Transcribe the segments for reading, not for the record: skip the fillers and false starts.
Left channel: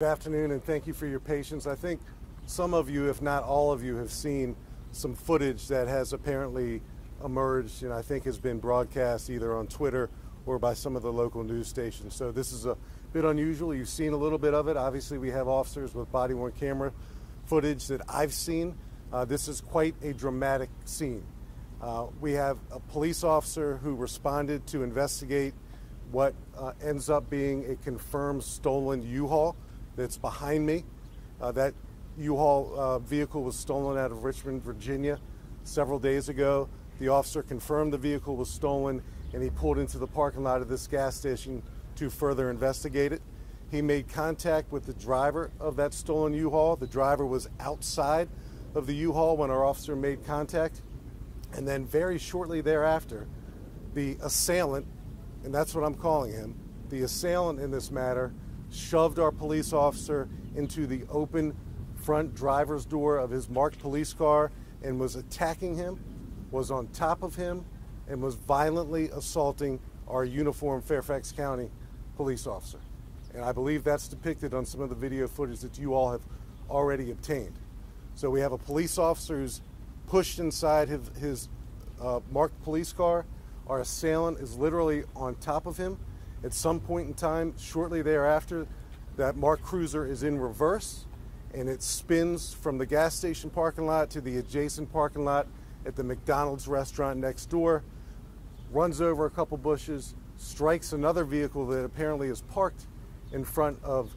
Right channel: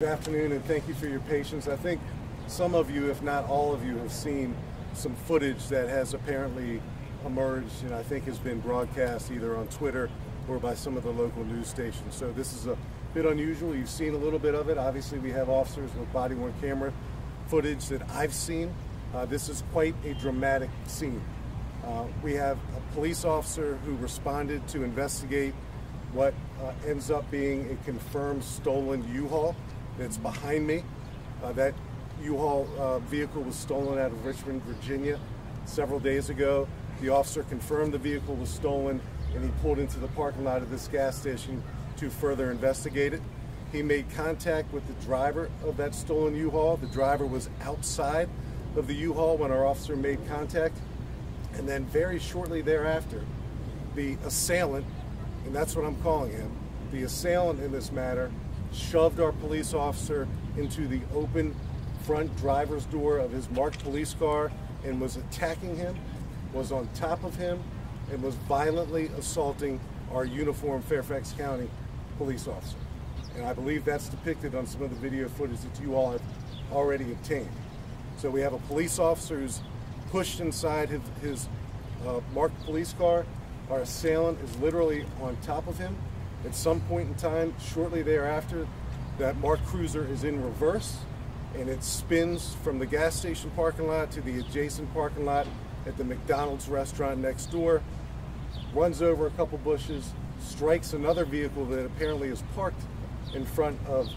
Good afternoon, and thank you for your patience. I think some of you, if not all of you, have seen some footage that has apparently emerged and I think has been broadcast either on Twitter or by some of the local news stations. So this is a bit unusual. You've seen a little bit of it. Obviously, we have officers with body-worn camera footage that I've seen. This is quite a dramatic scene. We have a police officer who responded to investigate what ends up being a confirmed stolen U-Haul that's behind me. That U-Haul vehicle was stolen out of Richmond, Virginia several days ago. The officer confirmed the vehicle was stolen, and he pulled into the parking lot of this gas station to further investigate it. He made contact with the driver of that stolen U-Haul. The driver was outside of the U-Haul when our officer made contact. And then very shortly thereafter, the assailant, and that's what I'm calling him, the assailant in this matter, shoved our police officer into the open front driver's door of his marked police car and was attacking him, was on top of him, and was violently assaulting our uniformed Fairfax County police officer. And I believe that's depicted on some of the video footage that you all have already obtained. So we have a police officer who's pushed inside his marked police car. Our assailant is literally on top of him. At some point in time, shortly thereafter, that marked cruiser is in reverse, and it spins from the gas station parking lot to the adjacent parking lot at the McDonald's restaurant next door, runs over a couple bushes, strikes another vehicle that apparently is parked in front of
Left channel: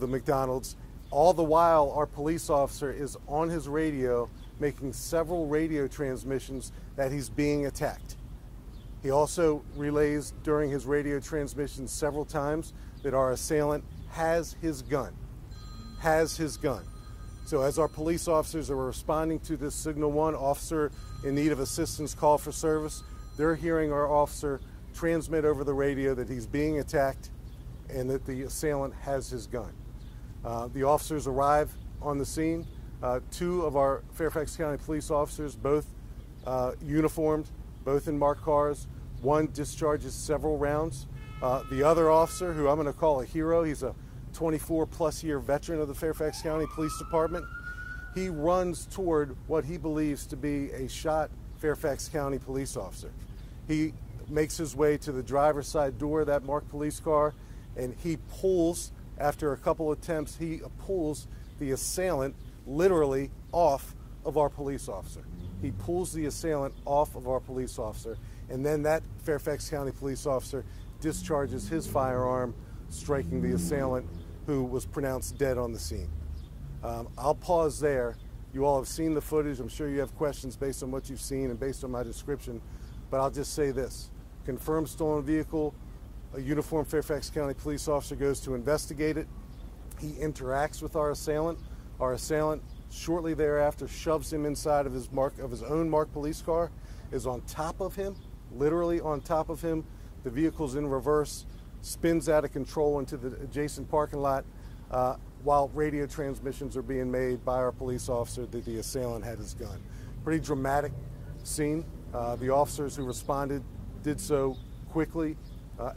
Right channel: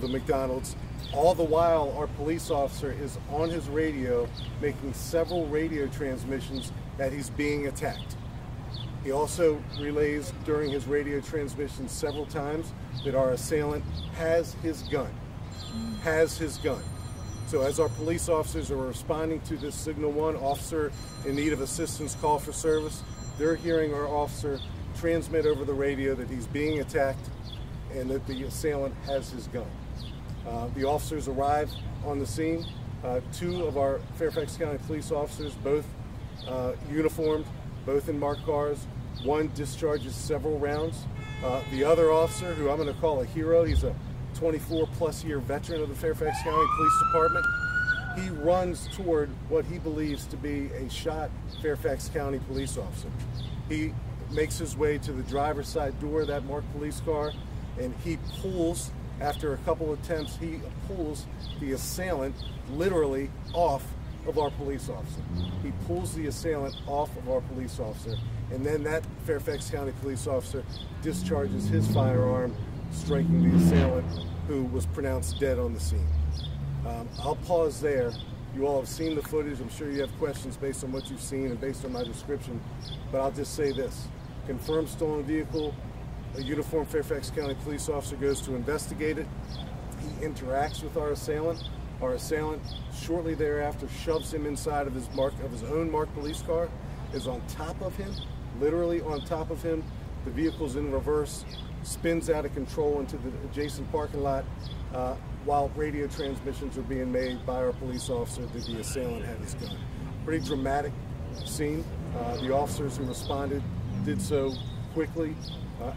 the McDonald's. All the while, our police officer is on his radio making several radio transmissions that he's being attacked. He also relays during his radio transmission several times that our assailant has his gun. So as our police officers are responding to this Signal 1 officer in need of assistance call for service, they're hearing our officer transmit over the radio that he's being attacked and that the assailant has his gun. The officers arrive on the scene. Two of our Fairfax County police officers, both uniformed, both in marked cars. One discharges several rounds. The other officer, who I'm going to call a hero, he's a 24-plus year veteran of the Fairfax County Police Department. He runs toward what he believes to be a shot Fairfax County police officer. He makes his way to the driver's side door of that marked police car, and he pulls, after a couple attempts, he pulls the assailant literally off of our police officer. He pulls the assailant off of our police officer, and then that Fairfax County police officer discharges his firearm, striking the assailant, who was pronounced dead on the scene. I'll pause there. You all have seen the footage. I'm sure you have questions based on what you've seen and based on my description, but I'll just say this. Confirmed stolen vehicle, a uniformed Fairfax County police officer goes to investigate it. He interacts with our assailant. Our assailant, shortly thereafter, shoves him inside of his own marked police car, is on top of him, literally on top of him. The vehicle's in reverse, spins out of control into the adjacent parking lot while radio transmissions are being made by our police officer that the assailant had his gun. Pretty dramatic scene. The officers who responded did so quickly,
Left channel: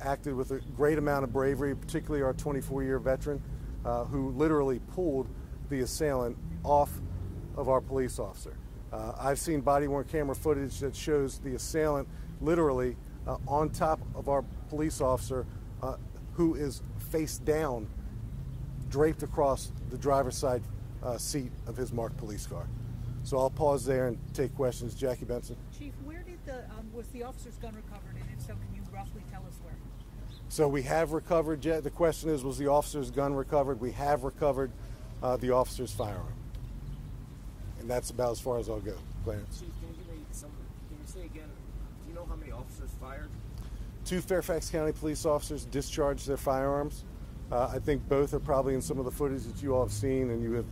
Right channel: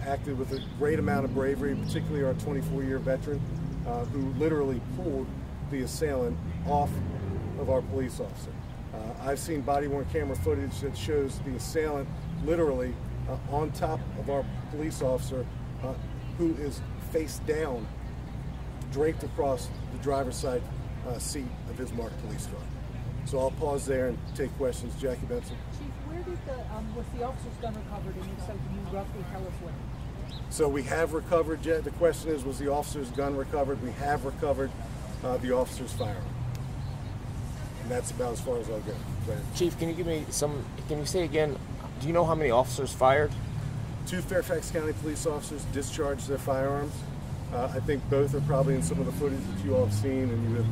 acted with a great amount of bravery, particularly our 24-year veteran, who literally pulled the assailant off of our police officer. I've seen body-worn camera footage that shows the assailant literally on top of our police officer, who is face down, draped across the driver's side seat of his marked police car. So I'll pause there and take questions. Jackie Benson. Chief, where did was the officer's gun recovered, and if so, can you roughly tell us where? So we have recovered, the question is, was the officer's gun recovered? We have recovered the officer's firearm. And that's about as far as I'll go. Chief, can you give me can you say again, do you know how many officers fired? 2 Fairfax County police officers discharged their firearms. I think both are probably in some of the footage that you all have seen and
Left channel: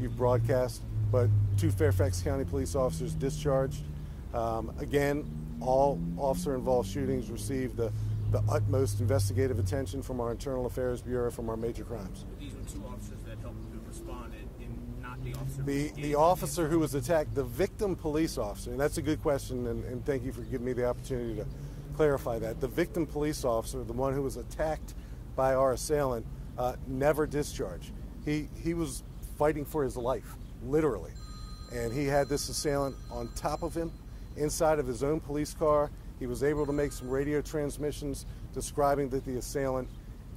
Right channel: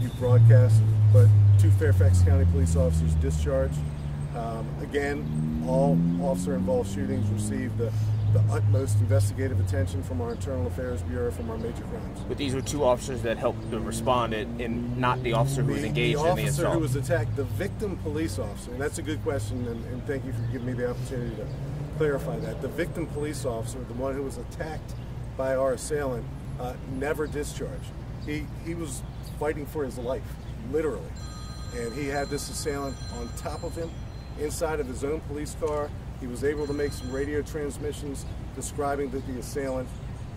you've broadcast, but 2 Fairfax County police officers discharged. Again, all officer-involved shootings received the utmost investigative attention from our Internal Affairs Bureau, from our major crimes. But these were 2 officers that helped to respond, and not the officer who was engaged in the assault. The officer who was attacked, the victim police officer, and that's a good question, and thank you for giving me the opportunity to clarify that. The victim police officer, the one who was attacked by our assailant, never discharged. He was fighting for his life, literally. And he had this assailant on top of him, inside of his own police car. He was able to make some radio transmissions describing that the assailant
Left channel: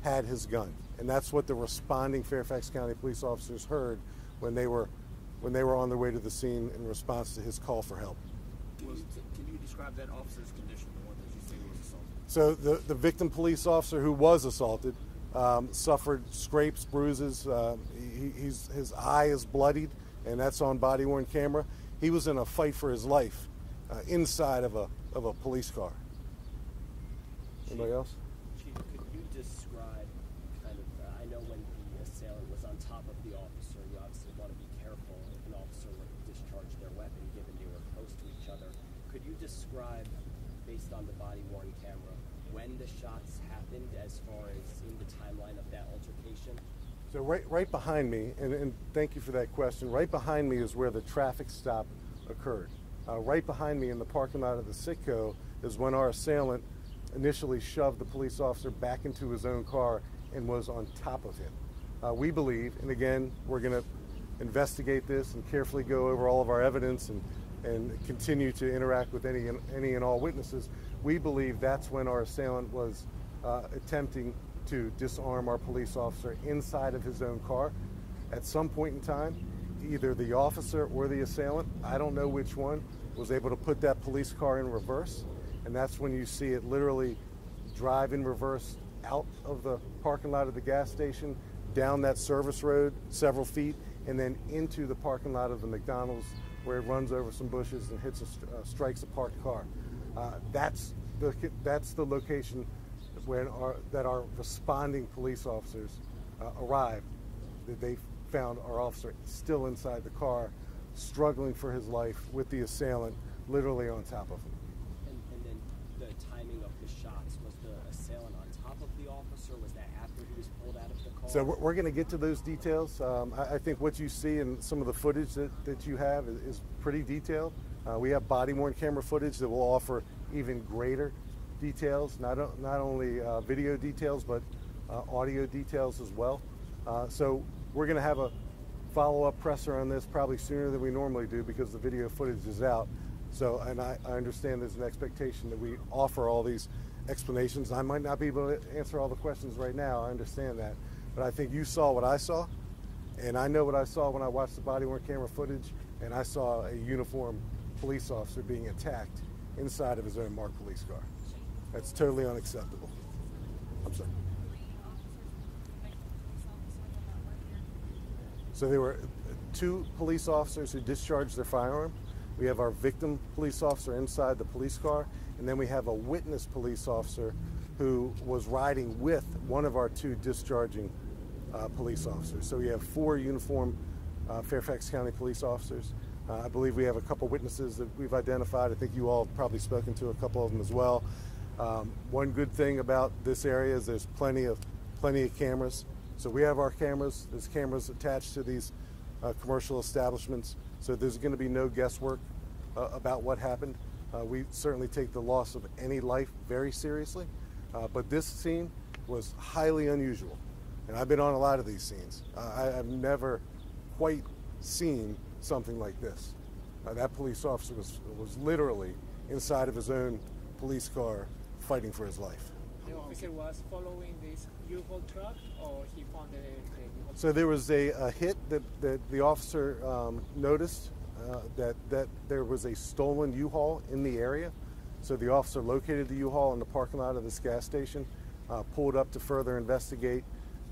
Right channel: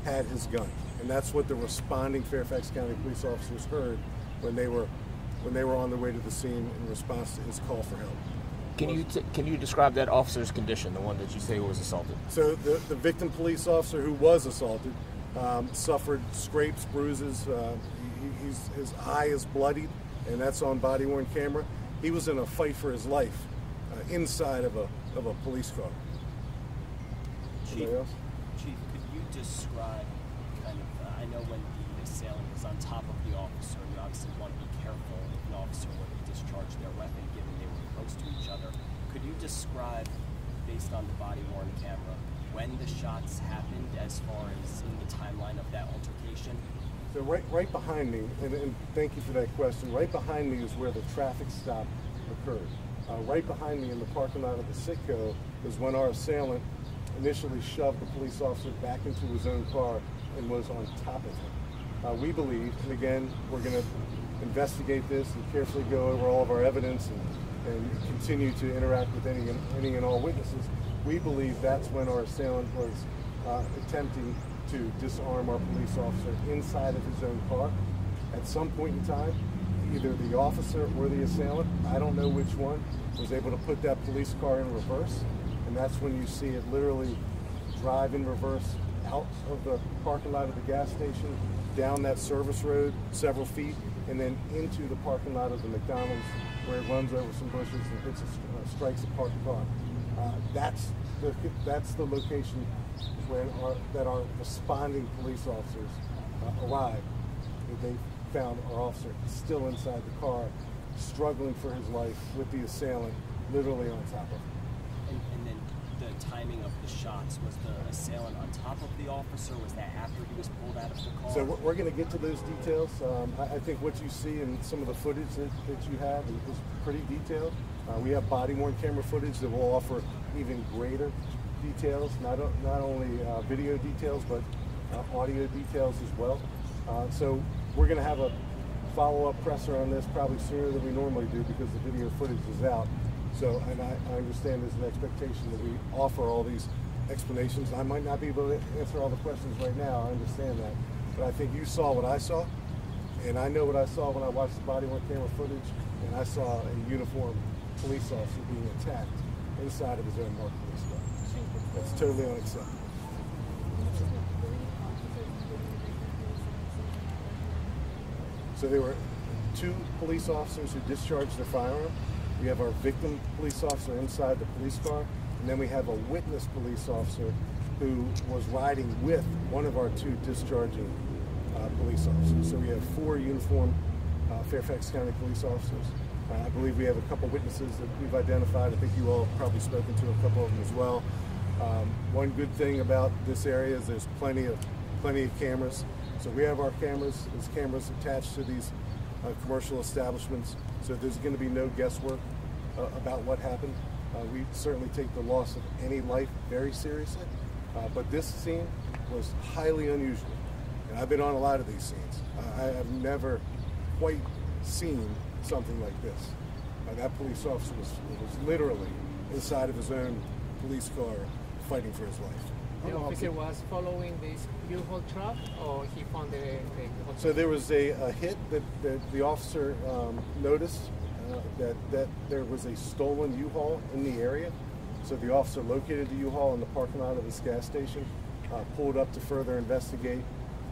had his gun. And that's what the responding Fairfax County police officers heard when they were on their way to the scene in response to his call for help. Can you describe that officer's condition, the one that you say was assaulted? So the victim police officer who was assaulted suffered scrapes, bruises. His eye is bloodied, and that's on body-worn camera. He was in a fight for his life inside of a police car. Anybody else? Chief, could you describe I know when the assailant was on top of the officer, you obviously want to be careful if an officer were to discharge their weapon given they were close to each other. Could you describe, based on the body-worn camera, when the shots happened as far as in the timeline of that altercation? So right behind me, and thank you for that question, right behind me is where the traffic stop occurred. Right behind me in the parking lot of the Citgo is when our assailant initially shoved the police officer back into his own car and was on top of him. We believe, and again, we're going to investigate this and carefully go over all of our evidence and continue to interact with any and all witnesses. We believe that's when our assailant was attempting to disarm our police officer inside of his own car. At some point in time, either the officer or the assailant, I don't know which one, was able to put that police car in reverse. And that's when you see it literally drive in reverse out of the parking lot of the gas station, down that service road several feet, and then into the parking lot of the McDonald's, where it runs over some bushes and hits strikes a parked car. That's the location that our responding police officers arrived. They found our officer still inside the car, struggling for his life with the assailant literally on top of him. And then the timing of the shots, was the assailant on top of the officer? Was that after he was pulled out of the car? So we're going to get to those details. I think what you see in some of the footage that you have is pretty detailed. We have body-worn camera footage that will offer even greater details, not only video details, but audio details as well. So we're going to have a follow-up presser on this probably sooner than we normally do because the video footage is out. So, and I understand there's an expectation that we offer all these explanations. I might not be able to answer all the questions right now, I understand that. But I think you saw what I saw, and I know what I saw when I watched the body-worn camera footage, and I saw a uniformed police officer being attacked inside of his own marked police car. That's totally unacceptable. So there were 2 police officers who discharged their firearm. We have our victim police officer inside the police car, and then we have a witness police officer who was riding with one of our 2 discharging police officers. So we have 4 uniformed Fairfax County police officers. I believe we have a couple witnesses that we've identified. I think you all have probably spoken to a couple of them as well. One good thing about this area is there's plenty of cameras. So we have our cameras. There's cameras attached to these commercial establishments. So there's going to be no guesswork about what happened. We certainly take the loss of any life very seriously. But this scene was highly unusual. And I've been on a lot of these scenes. I have never quite seen something like this. That police officer was literally inside of his own police car fighting for his life. The officer was following this U-Haul truck, or he found the So there was a hit that the officer noticed that there was a stolen U-Haul in the area. So the officer located the U-Haul in the parking lot of this gas station, pulled up to further investigate.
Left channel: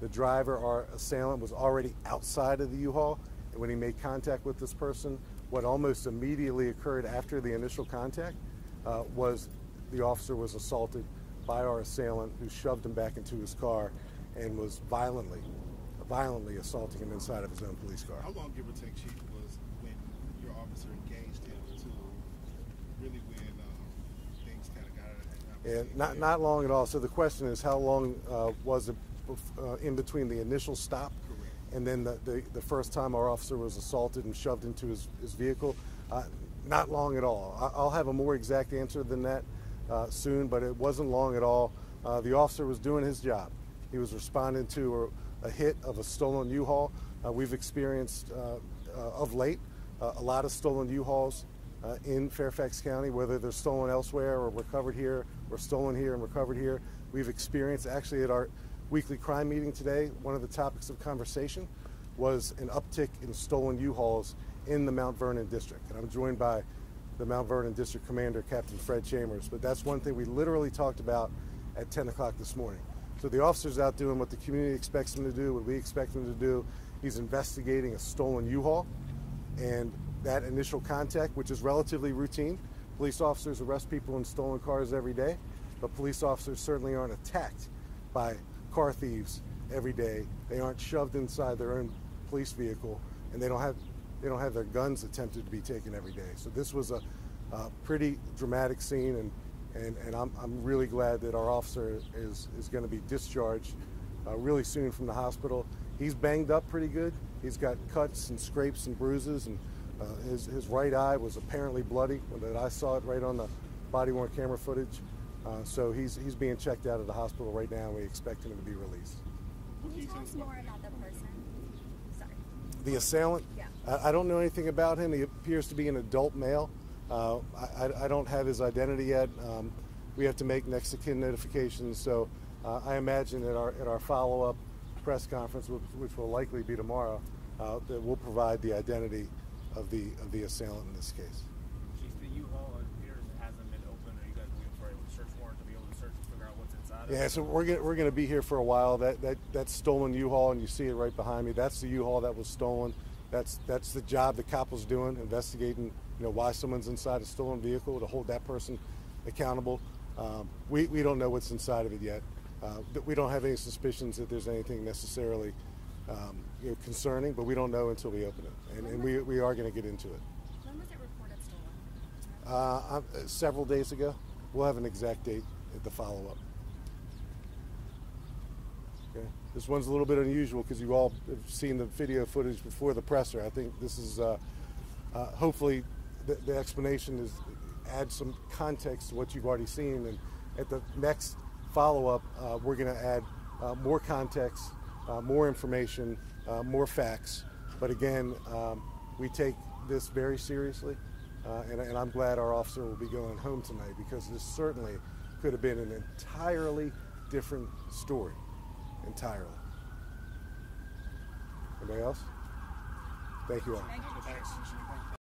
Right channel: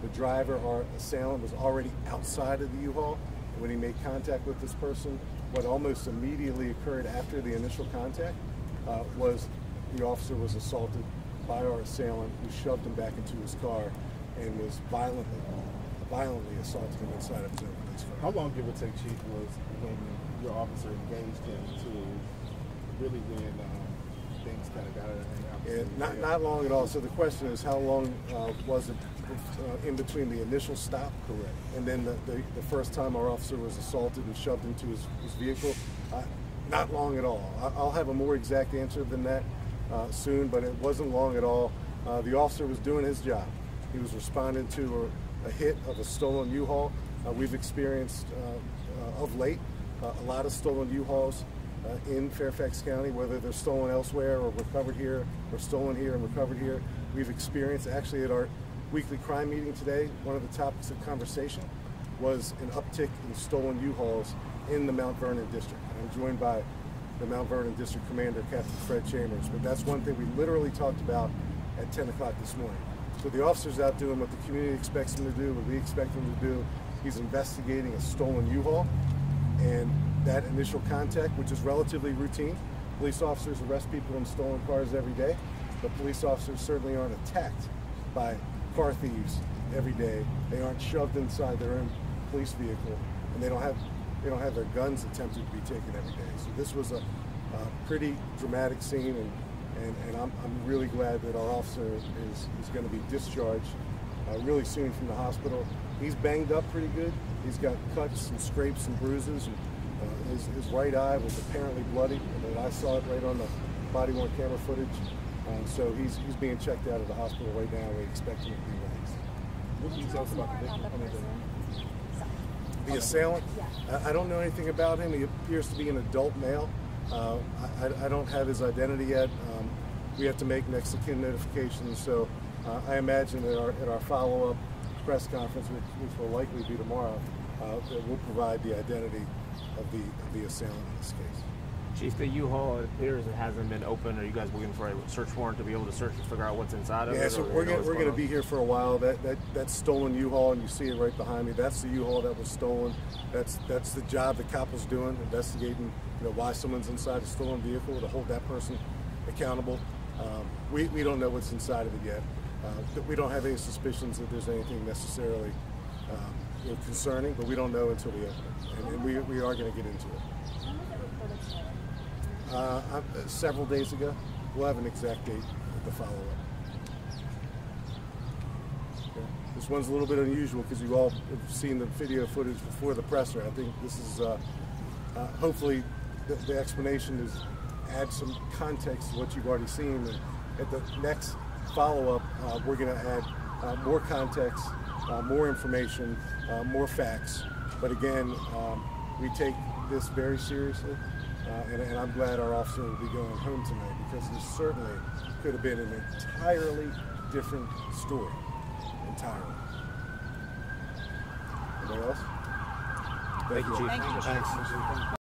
The driver, our assailant, was already outside of the U-Haul. And when he made contact with this person, what almost immediately occurred after the initial contact was the officer was assaulted by our assailant, who shoved him back into his car and was violently assaulting him inside of his own police car. How long, give or take, Chief, was when your officer engaged him to really when things kind of got out of hand? Not long at all. So the question is, how long was it in between the initial stop, correct, and then the first time our officer was assaulted and shoved into his vehicle? Not long at all. I'll have a more exact answer than that soon, but it wasn't long at all. The officer was doing his job. He was responding to a hit of a stolen U-Haul. We've experienced of late a lot of stolen U-Hauls in Fairfax County, whether they're stolen elsewhere or recovered here, or stolen here and recovered here. We've experienced, actually at our weekly crime meeting today, one of the topics of conversation was an uptick in stolen U-Hauls in the Mount Vernon district. And I'm joined by the Mount Vernon District Commander, Captain Fred Chambers, but that's one thing we literally talked about at 10 o'clock this morning. So the officer's out doing what the community expects him to do, what we expect him to do. He's investigating a stolen U-Haul, and that initial contact, which is relatively routine. Police officers arrest people in stolen cars every day, but police officers certainly aren't attacked by car thieves every day. They aren't shoved inside their own police vehicle, and they don't have their guns attempted to be taken every day. So this was a pretty dramatic scene, and I'm really glad that our officer is going to be discharged really soon from the hospital. He's banged up pretty good. He's got cuts and scrapes and bruises, and his right eye was apparently bloody. I saw it right on the body-worn camera footage. So he's being checked out of the hospital right now, and we expect him to be released. What can you tell us about the victim? The assailant? Yeah. I don't know anything about him. He appears to be an adult male. I don't have his identity yet. We have to make next of kin notifications, so I imagine at our follow-up press conference, which will likely be tomorrow, that we'll provide the identity of the assailant in this case. Chief, the U-Haul, it appears it hasn't been open. Are you guys looking for a search warrant to be able to search and figure out what's inside of it? Yeah, so we're going to be here for a while. That stolen U-Haul, and you see it right behind me. That's the U-Haul that was stolen. That's the job the cop was doing, investigating why someone's inside a stolen vehicle, to hold that person accountable. We don't know what's inside of it yet. We don't have any suspicions that there's anything necessarily concerning, but we don't know until we open it, and we are going to get into it. When was it reported stolen? Several days ago. We'll have an exact date with the follow-up. Okay. This one's a little bit unusual because you all have seen the video footage before the presser. I think this is hopefully the explanation is add some context to what you've already seen. And at the next follow-up, we're going to add more context, more information, more facts. But again, we take this very seriously. And I'm glad our officer will be going home tonight, because this certainly could have been an entirely different story. Entirely. Anything else? Thank you. Thank you, Chief. Thanks.